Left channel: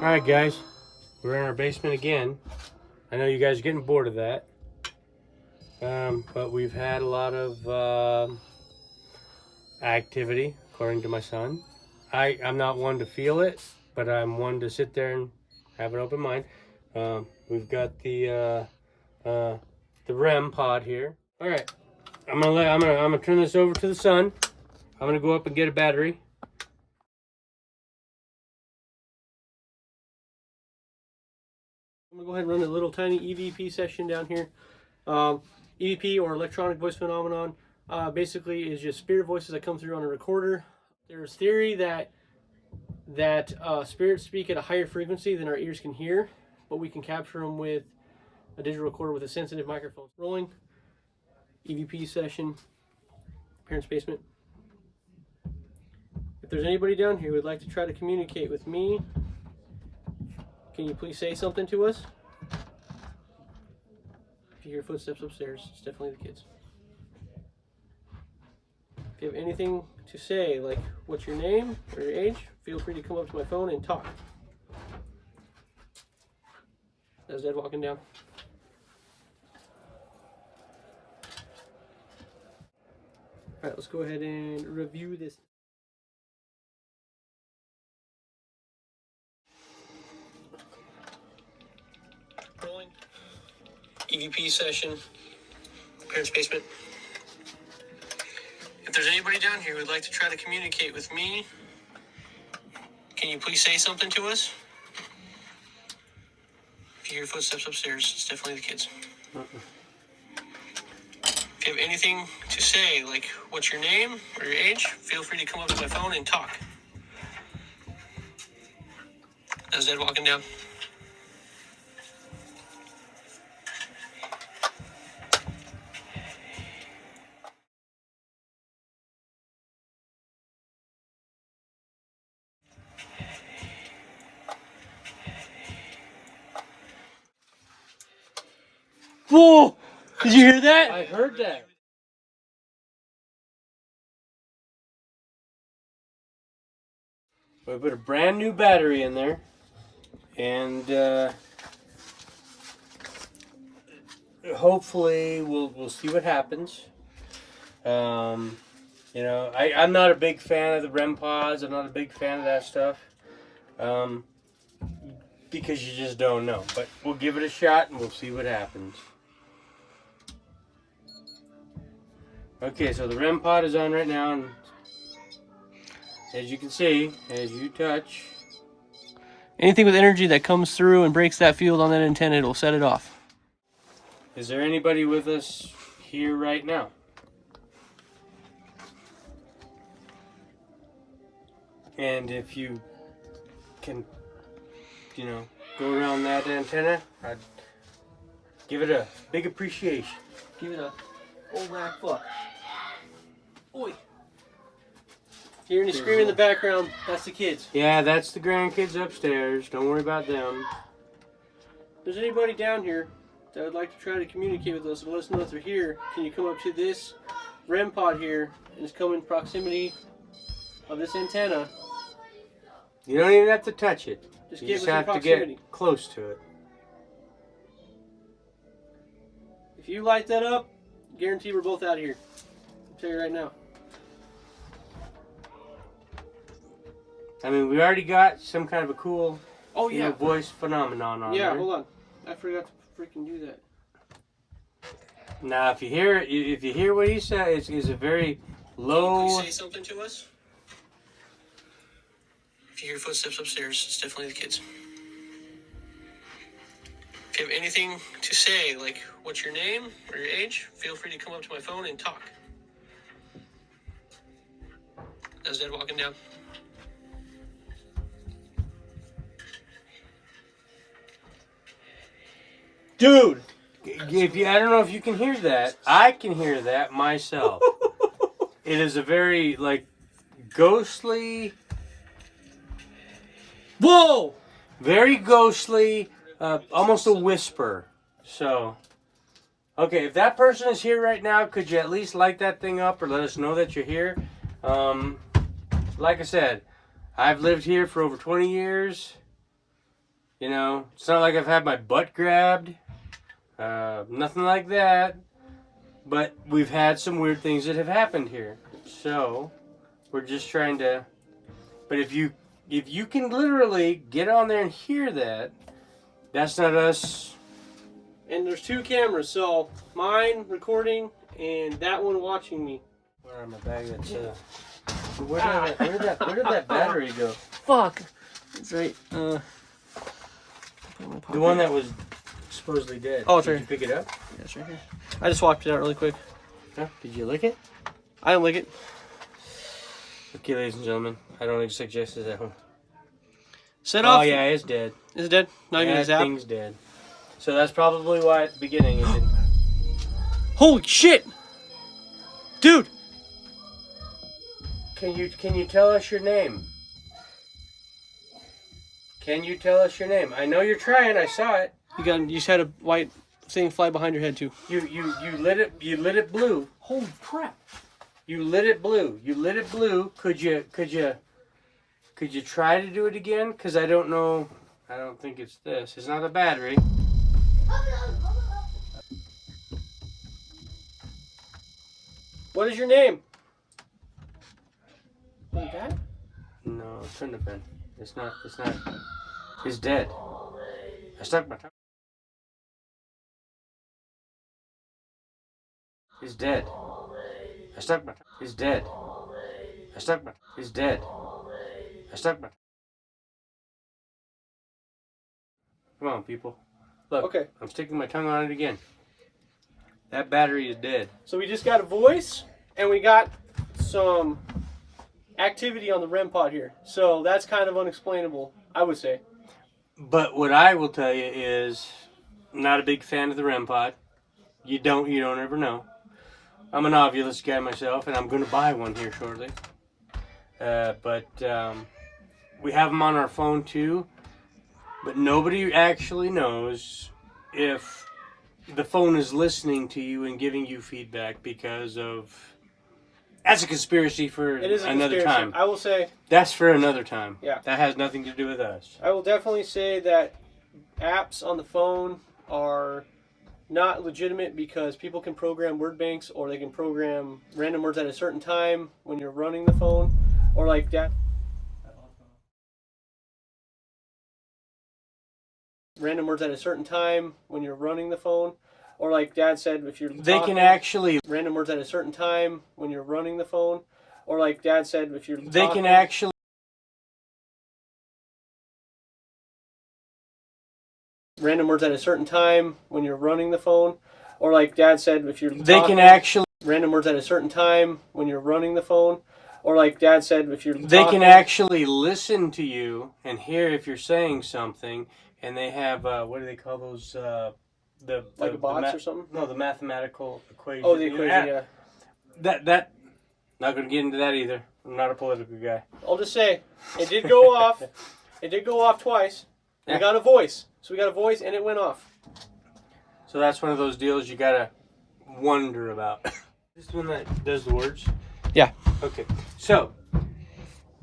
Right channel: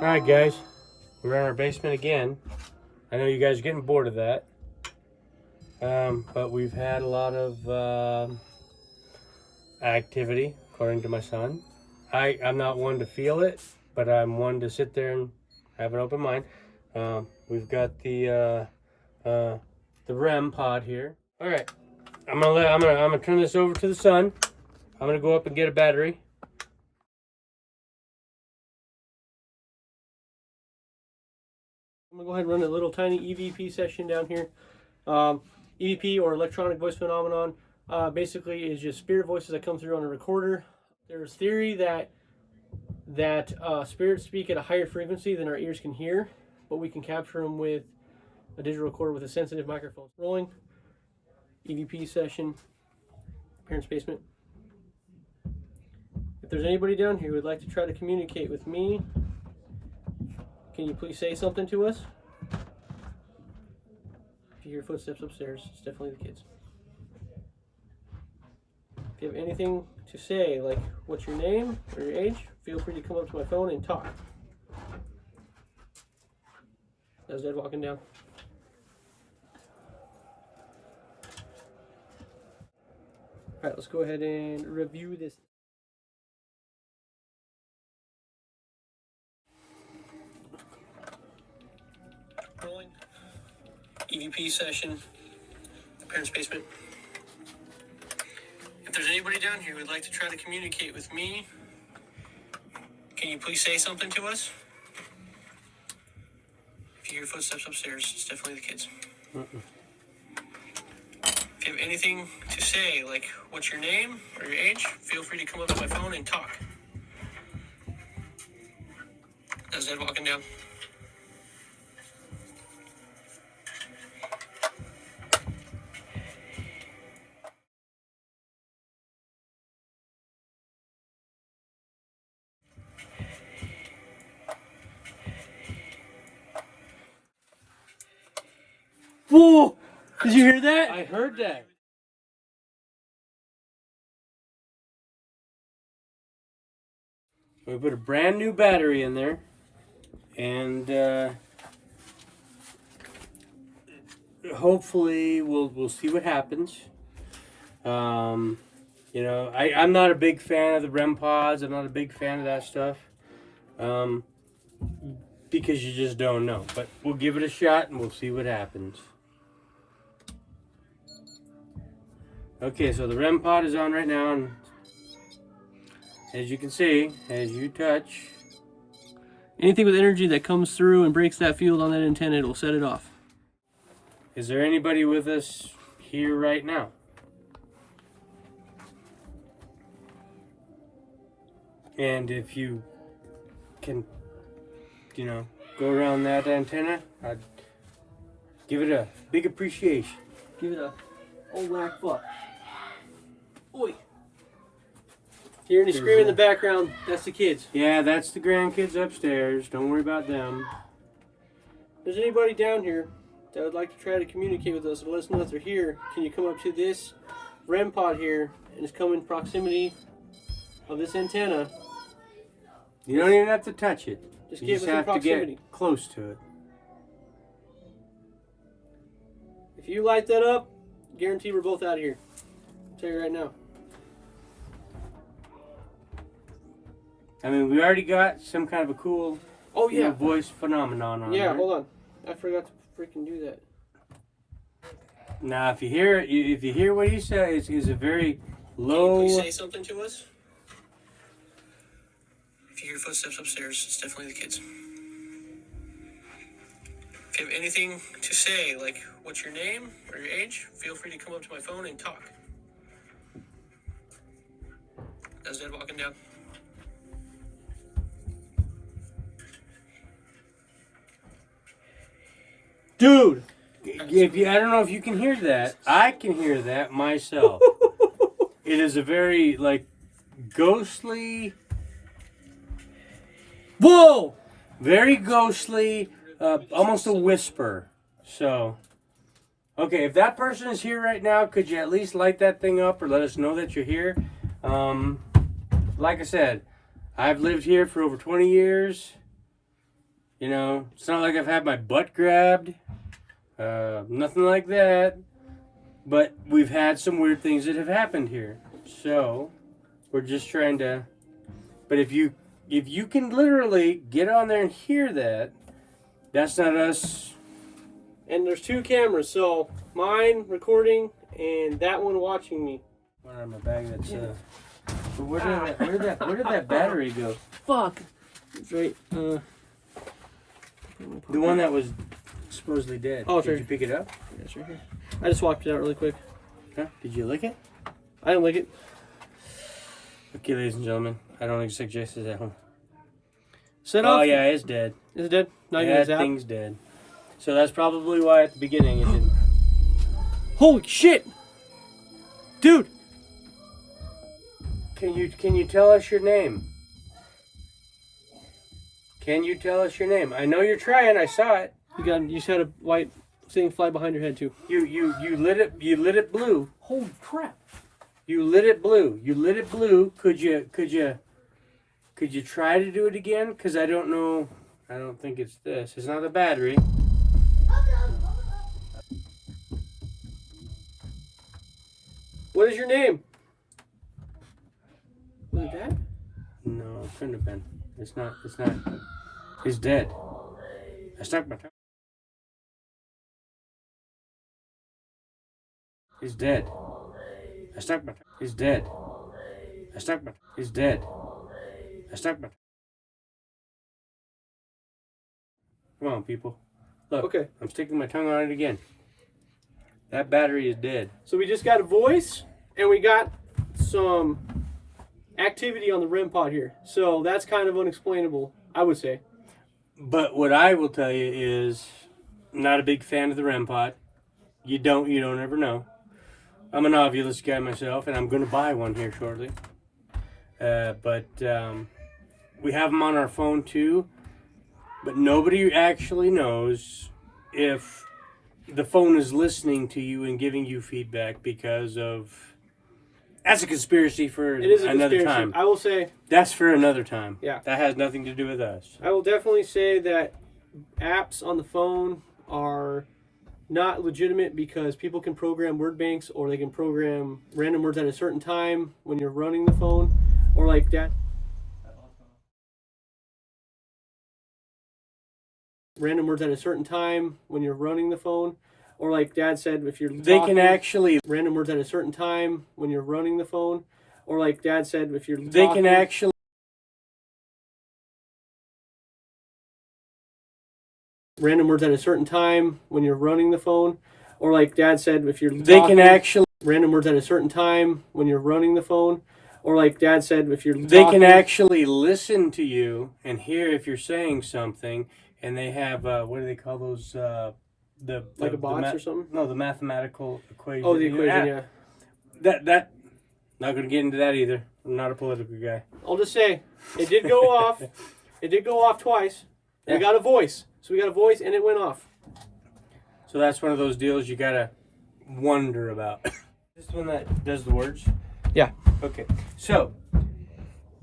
Alright guys, we're in our basement again. I know you guys are getting bored of that. But we've had a lot of activity, according to my son. I'm not one to feel it, but I'm one to sit there and have an open mind. We've got the REM pod here. Alright, I'm gonna turn this over to the son. I'm gonna go up and get a battery. I'm gonna go ahead and run a little tiny EVP session down here. EVP, or electronic voice phenomenon, basically is just spirit voices that come through on a recorder. There's theory that spirits speak at a higher frequency than our ears can hear, but we can capture them with a digital recorder with a sensitive microphone. Rolling EVP session, parents' basement. If there's anybody down here who would like to try to communicate with me, can you please say something to us? If you hear footsteps upstairs, it's definitely the kids. If you have anything to say, like what's your name or your age, feel free to come up to my phone and talk. That's Dad walking down. Alright, let's go ahead and review this. Rolling. EVP session, parents' basement. If there's anybody down here who would like to try to communicate with me, can you please say something to us? If you hear footsteps upstairs, it's definitely the kids. If you have anything to say, like what's your name or your age, feel free to come up to my phone and talk. That's Dad walking down. Whoa! Did you hear that? I heard that. We put a brand new battery in there, and hopefully we'll see what happens. You know, I'm not a big fan of the REM pods. I'm not a big fan of that stuff, because you just don't know. But we'll give it a shot and we'll see what happens. Okay, so the REM pod is on right now, and as you can see, as you touch, anything with energy that comes through and breaks that field on that antenna, it'll set it off. Is there anybody with us here right now? And if you can, you know, go around that antenna, I'd give it a big appreciation. Give it a old rack fuck. Oi! Hearing any screaming in the background, that's the kids. Yeah, that's the grandkids upstairs. Don't worry about them. If there's anybody down here that would like to try to communicate with us and let us know that they're here, can you come up to this REM pod here and just come in proximity of this antenna? You don't even have to touch it. Just get within proximity. To get close to it. If you light that up, guarantee we're both out of here. I'll tell you right now. I mean, we already got some kind of a cool voice phenomenon on there. Yeah, hold on. I forgot to freaking do that. Now, if you hear what he says, is a very low. Can you please say something to us? If you hear footsteps upstairs, it's definitely the kids. If you have anything to say, like what's your name or your age, feel free to come up to my phone and talk. That's Dad walking down. Dude! I don't know if you can hear that. I can hear that myself. It is a very, like, ghostly... Whoa! Very ghostly, almost a whisper. So, okay, if that person is here right now, could you at least light that thing up or let us know that you're here? Like I said, I've lived here for over 20 years. You know, it's not like I've had my butt grabbed. Nothing like that. But we've had some weird things that have happened here. So, we're just trying to... But if you can literally get on there and hear that, that's not us. And there's 2 cameras, so mine recording and that one watching me. What on my bag? That's where did that battery go? Fuck. It's right. The one that was supposedly dead. Oh, it's did right you pick it up? Yeah, it's right here. I just swapped it out really quick. Huh? Did you lick it? I didn't lick it. Okay, ladies and gentlemen, I don't suggest this at home. Set off. Oh yeah, it's dead. Is it dead? Not even That his app. thing's dead. So that's probably why at the beginning it didn't. Holy shit, dude! Can you tell us your name? Can you tell us your name? I know you're trying. I saw it. You just had a white thing fly behind your head too. You lit it blue. Holy crap! You lit it blue. You lit it blue. Could you try to do it again? Cause I don't know. I don't think it's this. It's not a battery. What is your name? Is it that? No, it couldn't have been. It's not. It's dead. I stuck my tongue. He's dead. I stuck my tongue. He's dead. I stuck my tongue. He's dead. I stuck my tongue. Come on, people. Look, Okay. I'm sticking my tongue on it again. That battery is dead. So we just got a voice, and we got some activity on the REM pod here. So that's kind of unexplainable, I would say. But what I will tell you is, I'm not a big fan of the REM pod. You don't ever know. I'm an Ovilus guy myself, and I'm going to buy one here shortly. But we have them on our phone too. But nobody actually knows if the phone is listening to you and giving you feedback because of... That's a conspiracy for It is a another conspiracy. time. I will say... That's for another time. Yeah. That has nothing to do with us. I will definitely say that apps on the phone are not legitimate because people can program word banks, or they can program random words at a certain time when you're running the phone, or like that. Random words at a certain time when you're running the phone, or like Dad said, if you're They talking, can actually... random words at a certain time when you're running the phone, or like Dad said, if you're They talking, can actually... random words at a certain time when you're running the phone, or like Dad said, if you're They talking, can actually... random words at a certain time when you're running the phone, or like Dad said, if you're They talking, can actually listen to you and hear if you're saying something, and they have what do they call those? like a box or something. No, the mathematical equation. Oh, the equation, yeah. That. Not gonna get into that either. I'm not a political guy. I'll just say it did go off. It did go off twice. Yeah. We got a voice, so we got a voice, and it went off. So that's one of those deals you gotta wonder about. This one that does the words. Yeah. Okay. So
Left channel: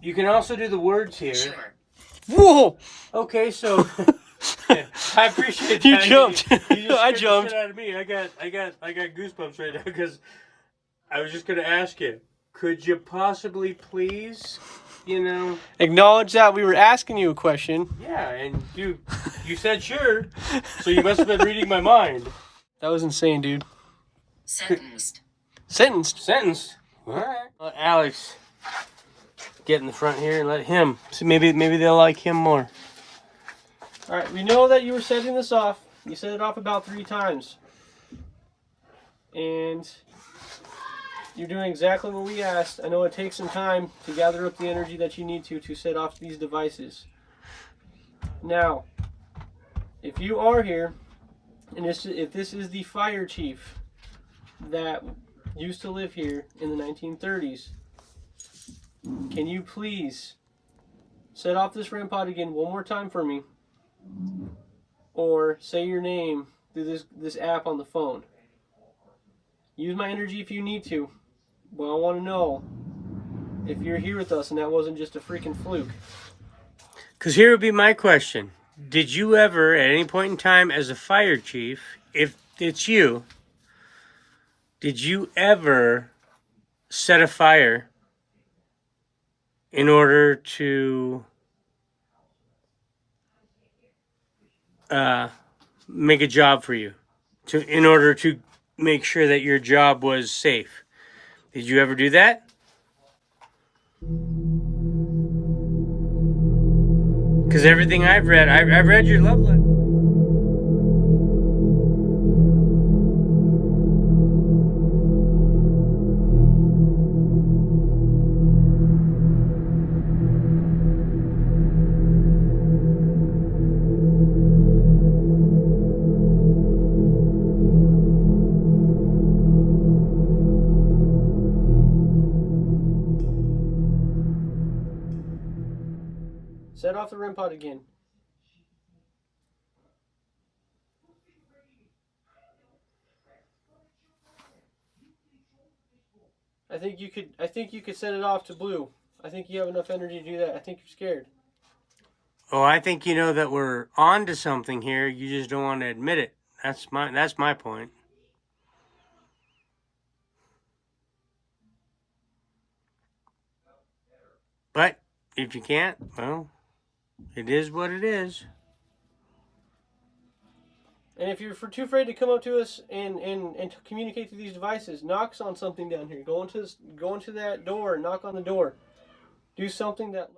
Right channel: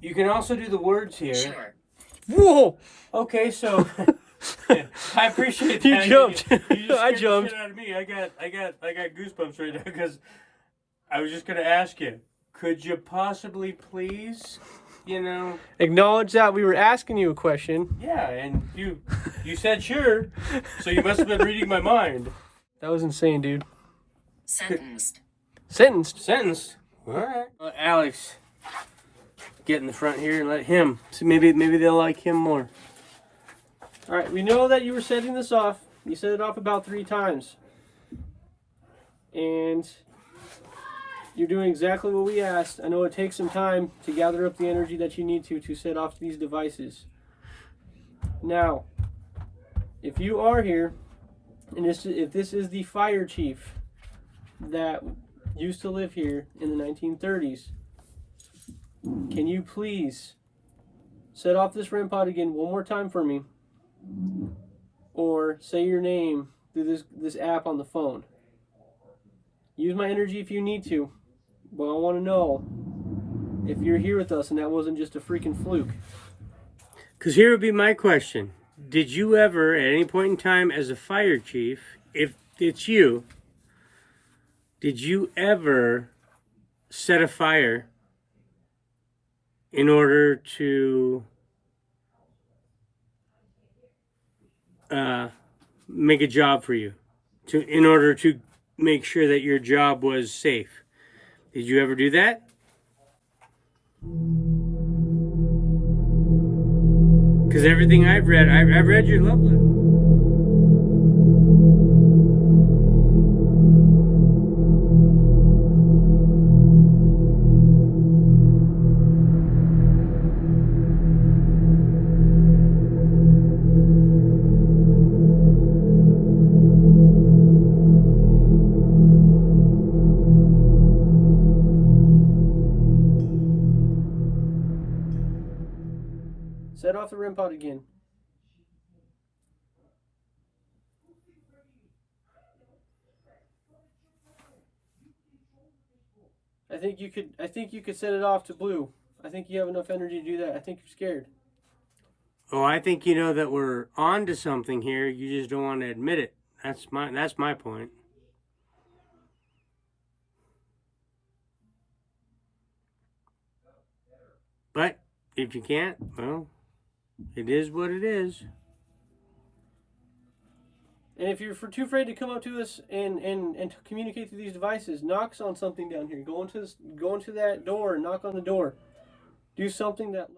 you can also do the words here. Sure. Whoa! Okay, so yeah, I appreciate that. You jumped. You just I scared the jumped. shit out of me. I got goosebumps right now because I was just gonna ask you, could you possibly please, Acknowledge that we were asking you a question. yeah, and you said sure, so you must have been reading my mind. That was insane, dude. Sentenced. Sentenced. Sentence. All right. Let Alex get in the front here and let him. So maybe they'll like him more. All right, we know that you were setting this off. You set it off about 3 times. And you're doing exactly what we asked. I know it takes some time to gather up the energy that you need to set off these devices. Now, if you are here, and if this is the fire chief that used to live here in the 1930s, can you please set off this REM pod again one more time for me? Or say your name through this app on the phone. Use my energy if you need to, but I want to know if you're here with us and that wasn't just a freaking fluke. Because here would be my question. did you ever, at any point in time as a fire chief, if it's you, did you ever set a fire in order to make a job for you, in order to make sure that your job was safe? Did you ever do that? Because everything I've read your love letter. Set off the REM pod again. I think you could set it off to blue. I think you have enough energy to do that. I think you're scared. Oh, I think you know that we're on to something here. You just don't want to admit it. That's my point. But if you can't, well, it is what it is. And if you're too afraid to come up to us and to communicate through these devices, knock on something down here. Go into that door, knock on the door. Do something that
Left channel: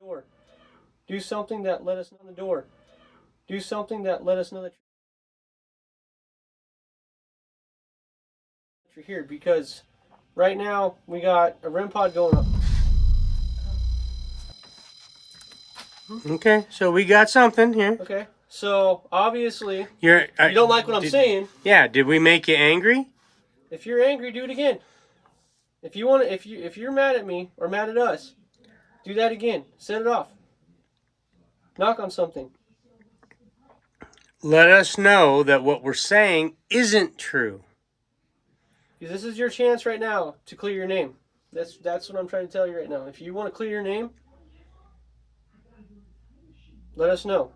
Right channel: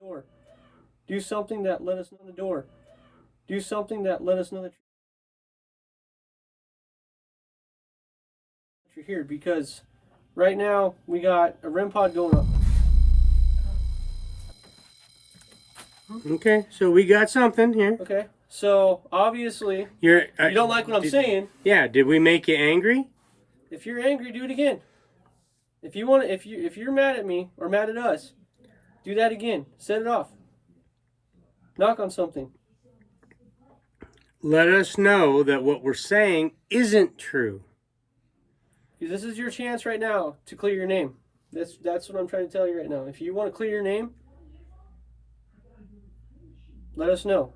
door. Do something that let us know the door. Do something that let us know that you're here, because right now we got a REM pod going up. Okay, so we got something here. Okay, so obviously you don't like what I'm saying. Yeah, did we make you angry? If you're angry, do it again. If you're mad at me or mad at us, do that again. Set it off. Knock on something. Let us know that what we're saying isn't true. This is your chance right now to clear your name. That's what I'm trying to tell you right now. If you want to clear your name, let us know.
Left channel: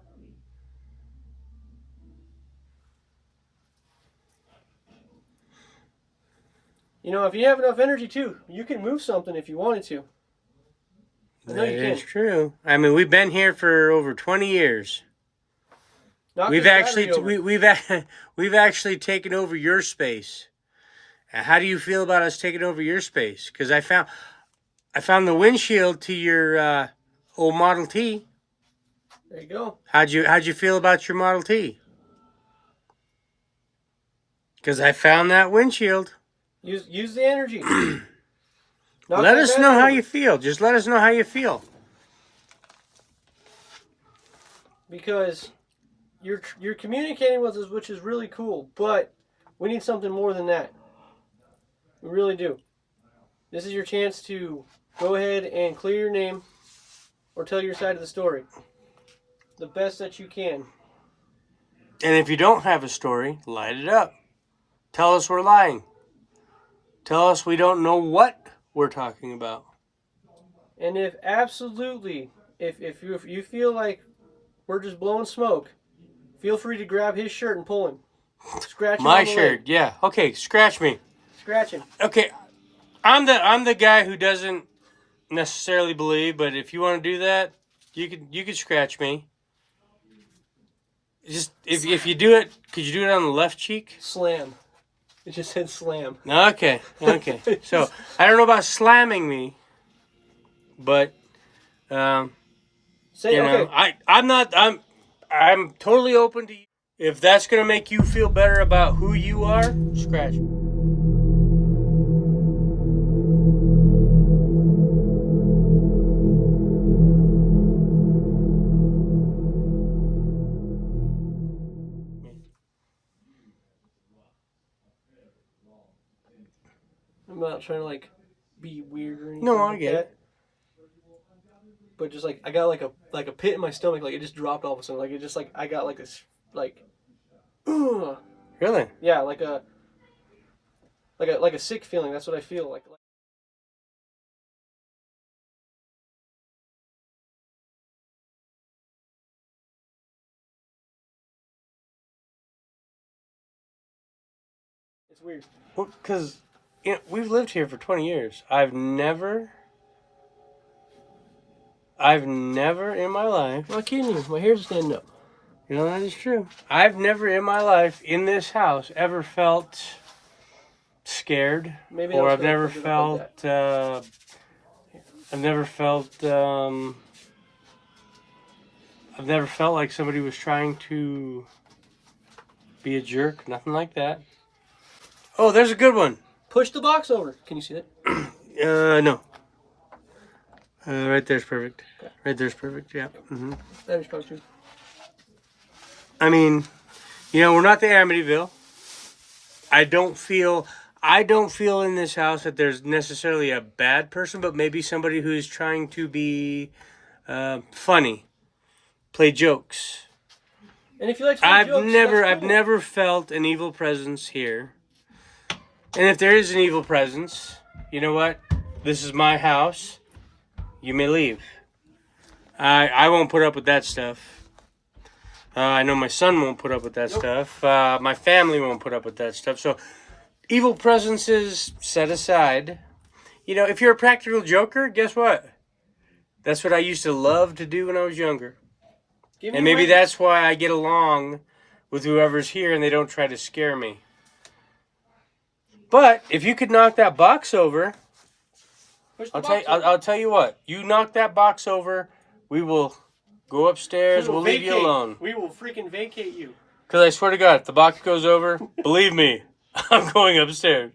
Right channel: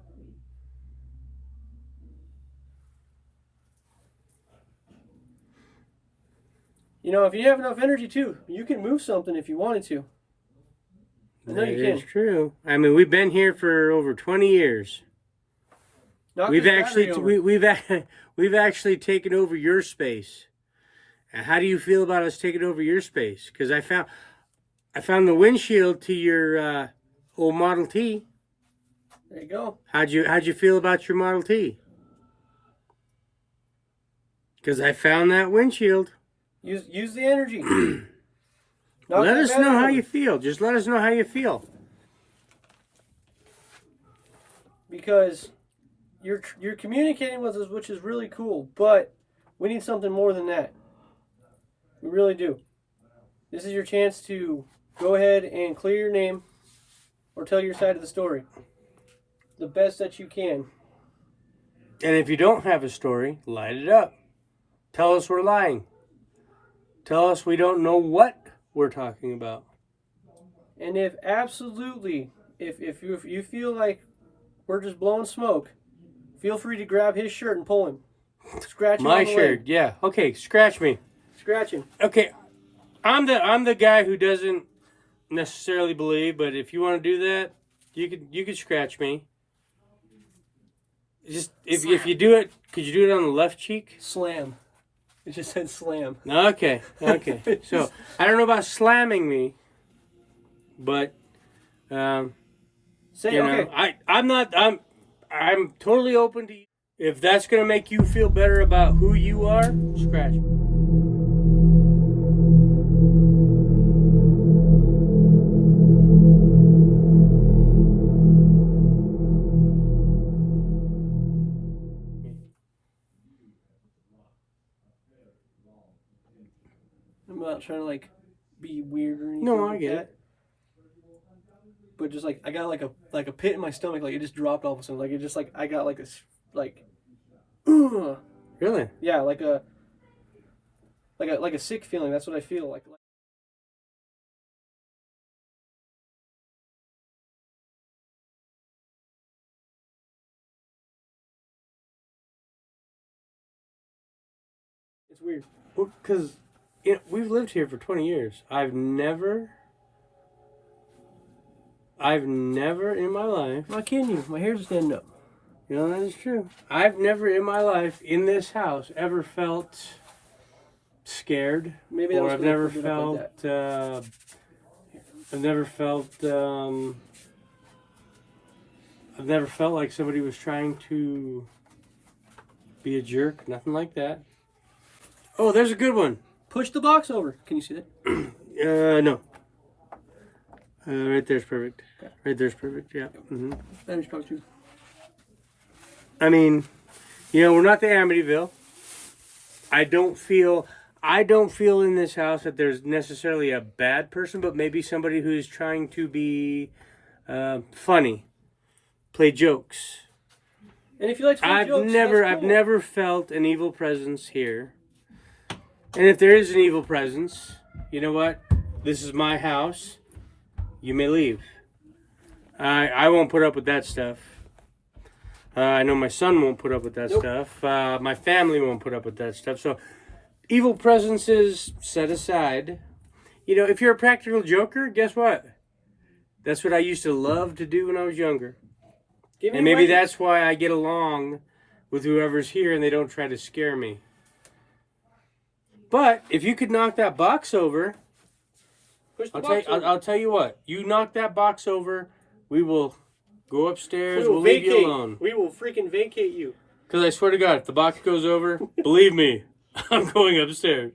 You know, if you have enough energy too, you can move something if you wanted to. That is true. I mean, we've been here for over 20 years. We've actually taken over your space. How do you feel about us taking over your space? Because I found the windshield to your old Model T. There you go. How'd you feel about your Model T? Because I found that windshield. Use the energy. Let us know how you feel. Just let us know how you feel. Because you're communicating with us, which is really cool, but we need something more than that. We really do. This is your chance to go ahead and clear your name or tell your side of the story the best that you can. And if you don't have a story, light it up. Tell us we're lying. Tell us we don't know what we're talking about. And if you feel like we're just blowing smoke, feel free to grab his shirt and pull him. Scratch him. My shirt, yeah. Okay, scratch me. Scratch him. Okay, I'm the guy who doesn't necessarily believe, but if you want to do that, you could scratch me. Just if you do it, could you do it on the left cheek? Slam. It just said slam. Okay. So I don't know about slamming me, but I'm totally open to you. If that's gonna make you feel better about who you are, scratch me. I'm not trying to be weird or anything. No, I get it. But just I got like a pit in my stomach, it just dropped all of a sudden. It just I got this Really? Yeah, like a sick feeling. That's what I feel like. It's weird. Well, because we've lived here for 20 years. I've never in my life. I'm not kidding you. My hair's standing up. You know, that is true. I've never in my life in this house ever felt scared. Maybe or I've I've never felt. I've never felt like somebody was trying to be a jerk. Nothing like that. Oh, there's a good one. Push the box over. Can you see that? No. Right there's perfect. Okay. Right there's perfect. Yeah. That was probably too. I mean, we're not the Amityville. I don't feel in this house that there's necessarily a bad person, but maybe somebody who's trying to be funny, play jokes. And if you like to play jokes, I've never felt an evil presence here. And if there is an evil presence, you know what? This is my house. You may leave. I won't put up with that stuff. I know my son won't put up with that stuff. My family won't put up with that stuff. So, evil presences set aside. If you're a practical joker, guess what? That's what I used to love to do when I was younger. And maybe that's why I get along with whoever's here and they don't try to scare me. But if you could knock that box over, I'll tell you what. You knock that box over, we will go upstairs. We'll leave you alone. We will freaking vacate you. Because I swear to God, if the box goes over, believe me, I'm going upstairs.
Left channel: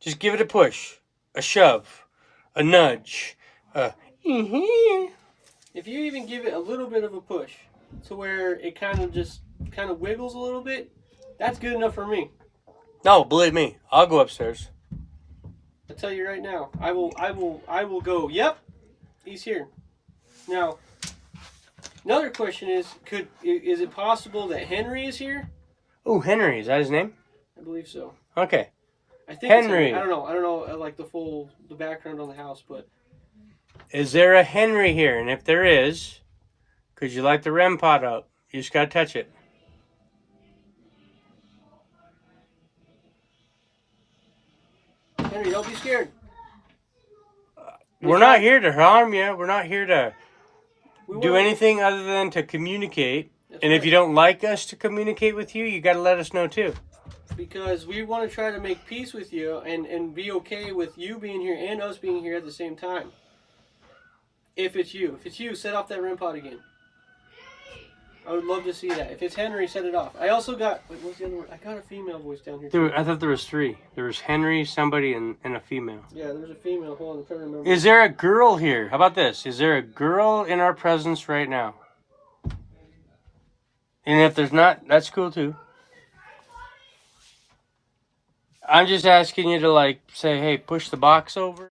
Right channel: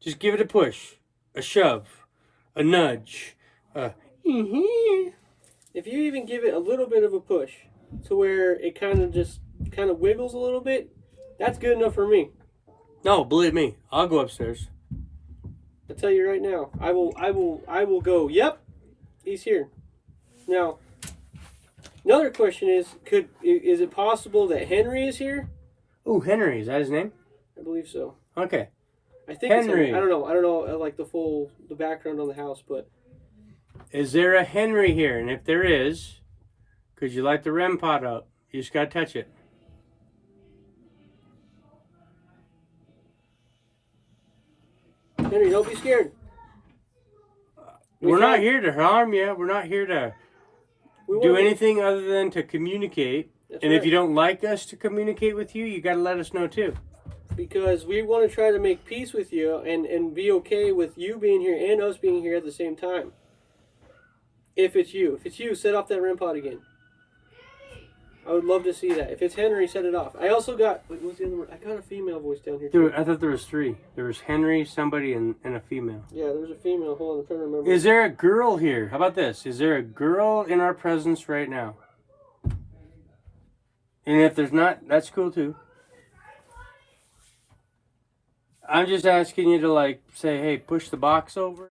Just give it a push, a shove, a nudge. If you even give it a little bit of a push to where it kind of wiggles a little bit, that's good enough for me. No, believe me, I'll go upstairs. I'll tell you right now, I will go, yep, he's here. Now, another question is it possible that Henry is here? Oh, Henry, is that his name? I believe so. Okay. I think Henry. I don't know like the background on the house, but is there a Henry here? And if there is, could you light the REM pod up? You just gotta touch it. Henry, don't be scared. We're not here to harm you. We're not here to do anything other than to communicate. And if you don't like us to communicate with you, you got to let us know too. Because we want to try to make peace with you and be okay with you being here and us being here at the same time. If it's you, set off that REM pod again. I would love to see that. If it's Henry, set it off. I also got, what's the other one? I got a female voice down here too. Dude, I thought there was 3. There was Henry, somebody, and a female. Yeah, there's a female. Hold on, I'm trying to remember. Is there a girl here? How about this? Is there a girl in our presence right now? And if there's not, that's cool too. I'm just asking you to say, hey, push the box over.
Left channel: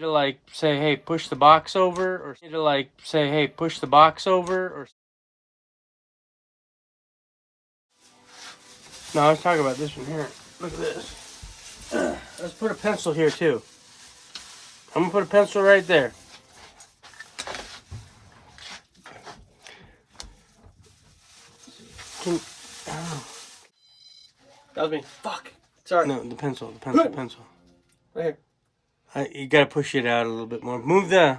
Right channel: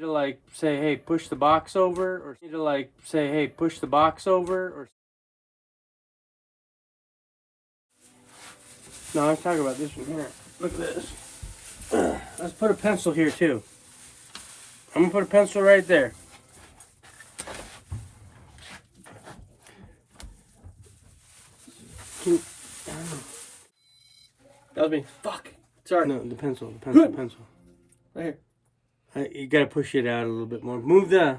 To say, hey, push the box over, or to say, hey, push the box over, or. No, I was talking about this one here. Look at this. Let's put a pencil here too. I'm gonna put a pencil right there. That was me. Fuck. Sorry. No, the pencil. Right here. You gotta push it out a little bit more. Move the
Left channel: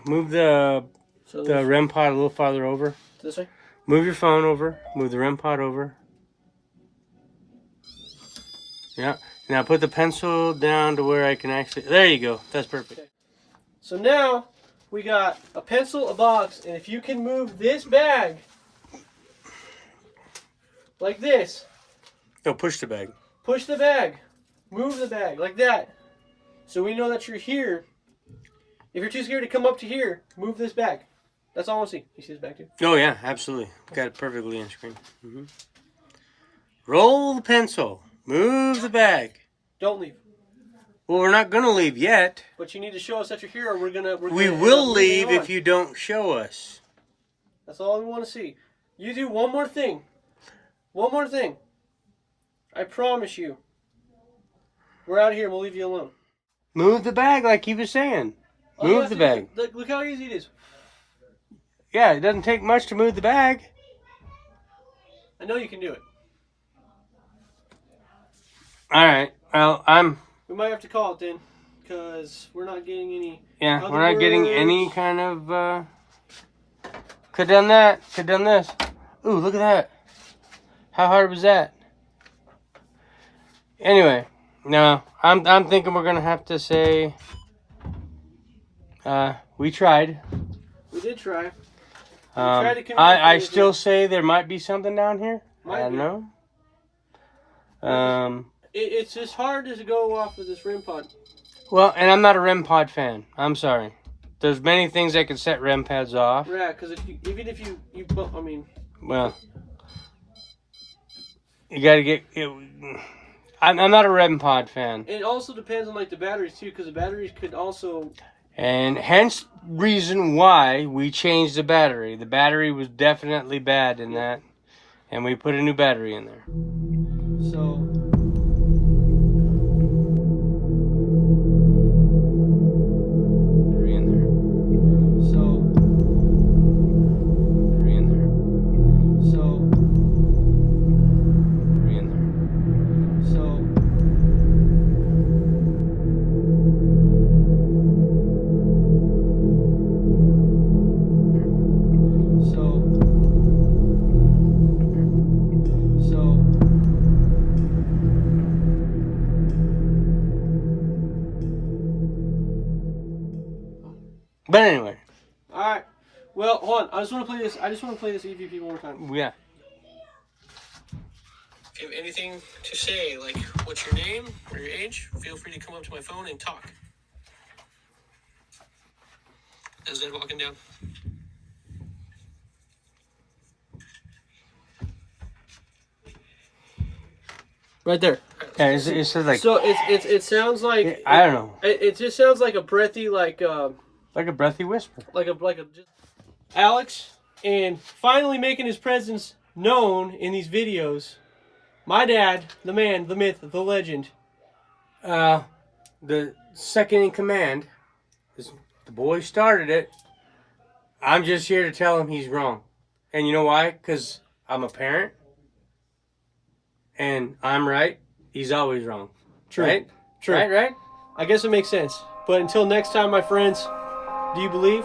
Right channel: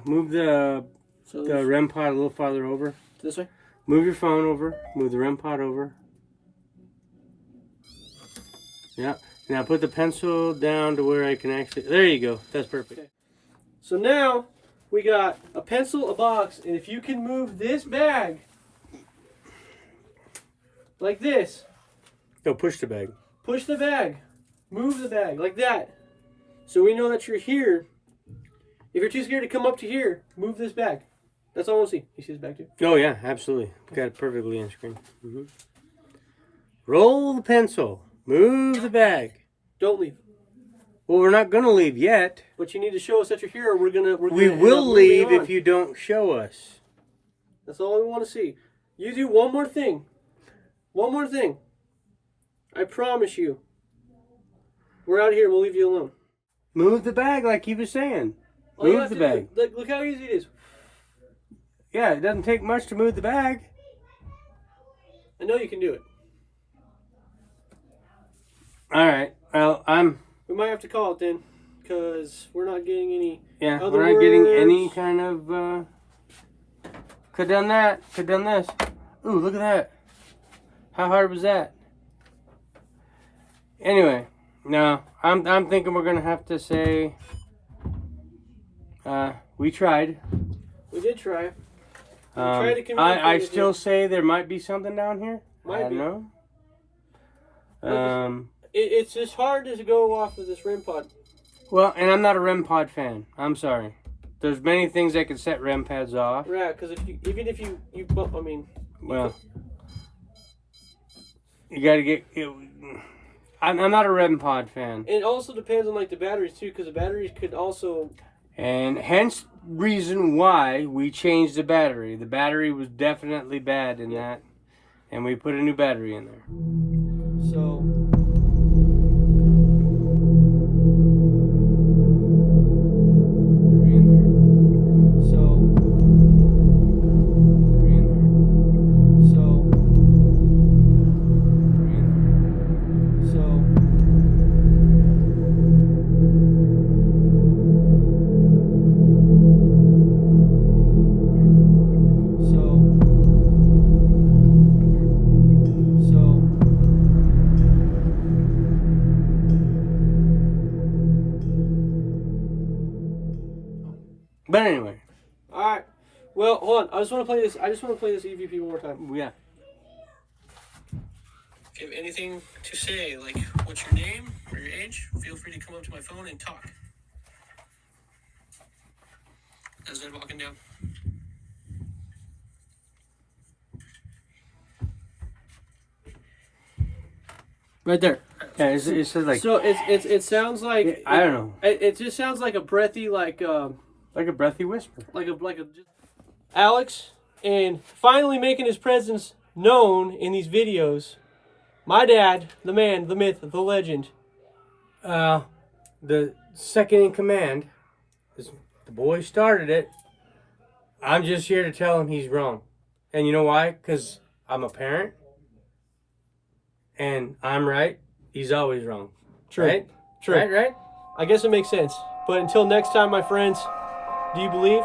REM pod a little farther over. This way? Move your phone over. Move the REM pod over. Yeah. Now put the pencil down to where I can actually... There you go. That's perfect. Okay. So now we got a pencil, a box, and if you can move this bag like this. No, push the bag. Push the bag. Move the bag like that. So we know that you're here. If you're too scared to come up to here, move this bag. That's all I want to see. You see this bag too? Oh, yeah, absolutely. Got it perfectly on screen. Mm-hmm. Roll the pencil. Move the bag. Don't leave. Well, we're not going to leave yet. But you need to show us that you're here, or we're gonna we will leave if you don't show us. That's all we want to see. You do one more thing. One more thing. I promise you. We're out of here and we'll leave you alone. Move the bag like he was saying. Move the bag. Look how easy it is. Yeah, it doesn't take much to move the bag. I know you can do it. All right. Well, We might have to call it then, because we're not getting any. Yeah, other we're not getting words. any kind of. Could done that. Could done this. Ooh, look at that. How hard was that? Anyway, no, I'm thinking we're gonna have to say. We tried. We did try. We tried to communicate I with still you. say there might be something down here. Might I be. don't know. It's just hard to go off of this REM pod. Well, and I'm not a REM pod fan. I'm sorry. There's many things that can set REM pads off. Right, because even if you I mean. Well, you gotta get. I'm not a REM pod fan. It also depends on like the batteries too, because the batteries could also. And hence reason why we changed the battery. The battery was definitely bad in that, and we put a new battery in there. So. But anyway. Alright. Well, hold on. I just want to play this. EVP one more time. Yeah. If you have anything to say, like what's your name or your age, feel free to come up to my phone and talk. As they're walking down. Right there. Yeah, it says like. So it sounds like I don't know. It just sounds like a breathy like a breathy whisper. like a Alex, and finally making his presence known in these videos. My dad, the man, the myth, the legend. The second in command. The boy started it. I'm just here to tell him he's wrong. And you know why? Because I'm a parent. And I'm right. He's always wrong. True. Right? True. Right? I guess it makes sense. But until next time, my friends, do you believe?